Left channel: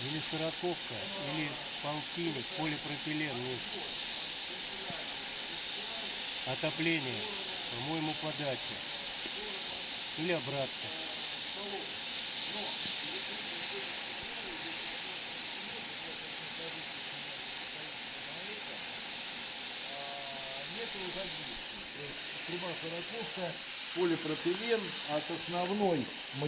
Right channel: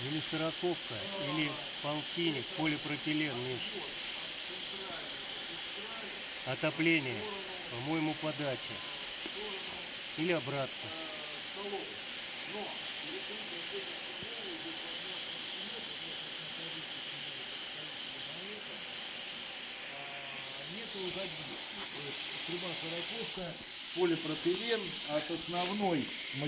Или сороковка, или полтинник, полипропилен, Миш. Отопление, по-моему, подача. Или обратно. Нету загиб. Прямая сороковка, полипропилен от основной